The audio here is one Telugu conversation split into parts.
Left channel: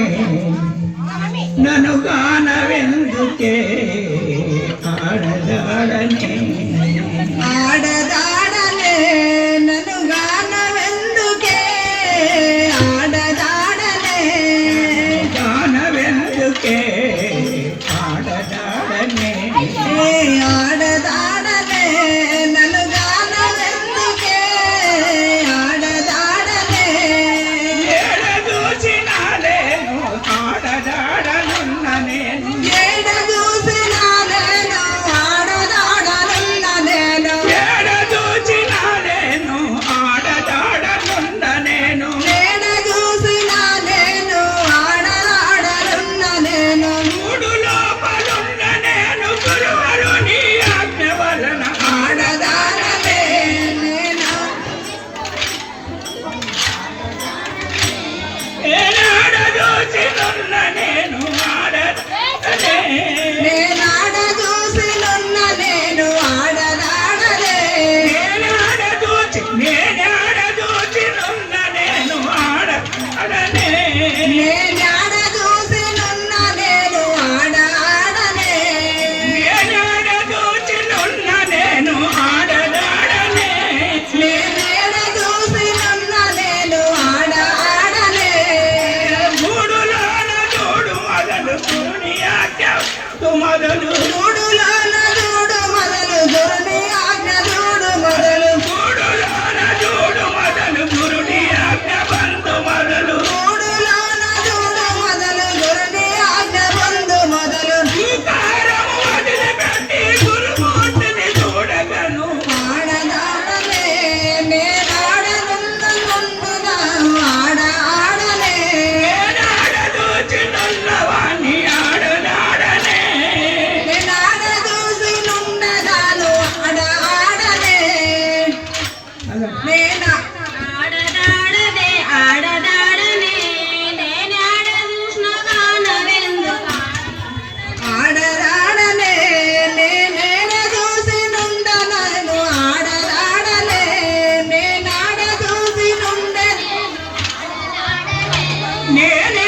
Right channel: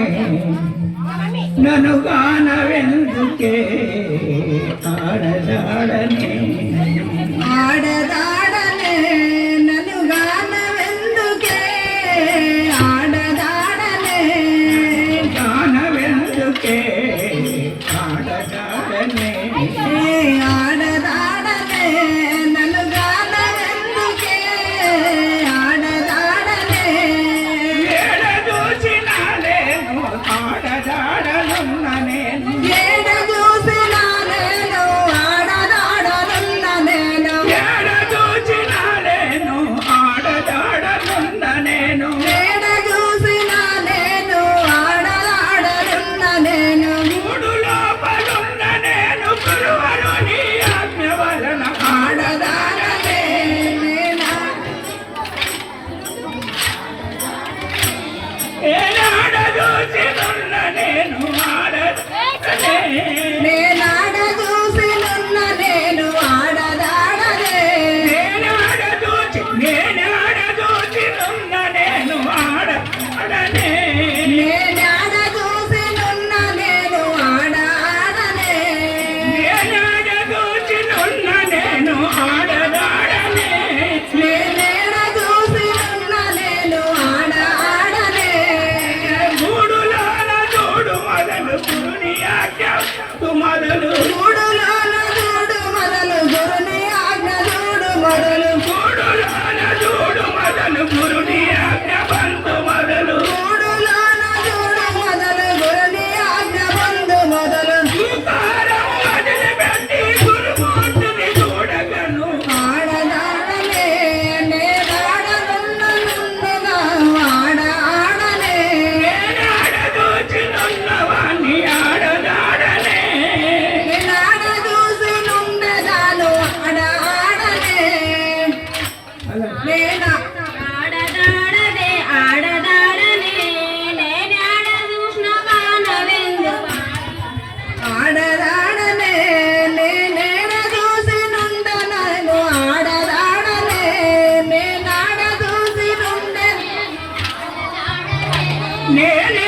ఆడదాడనే నన్ను గానవెందుకే? Mà để được. నేను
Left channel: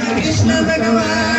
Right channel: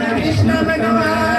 Krishna Bhagavan.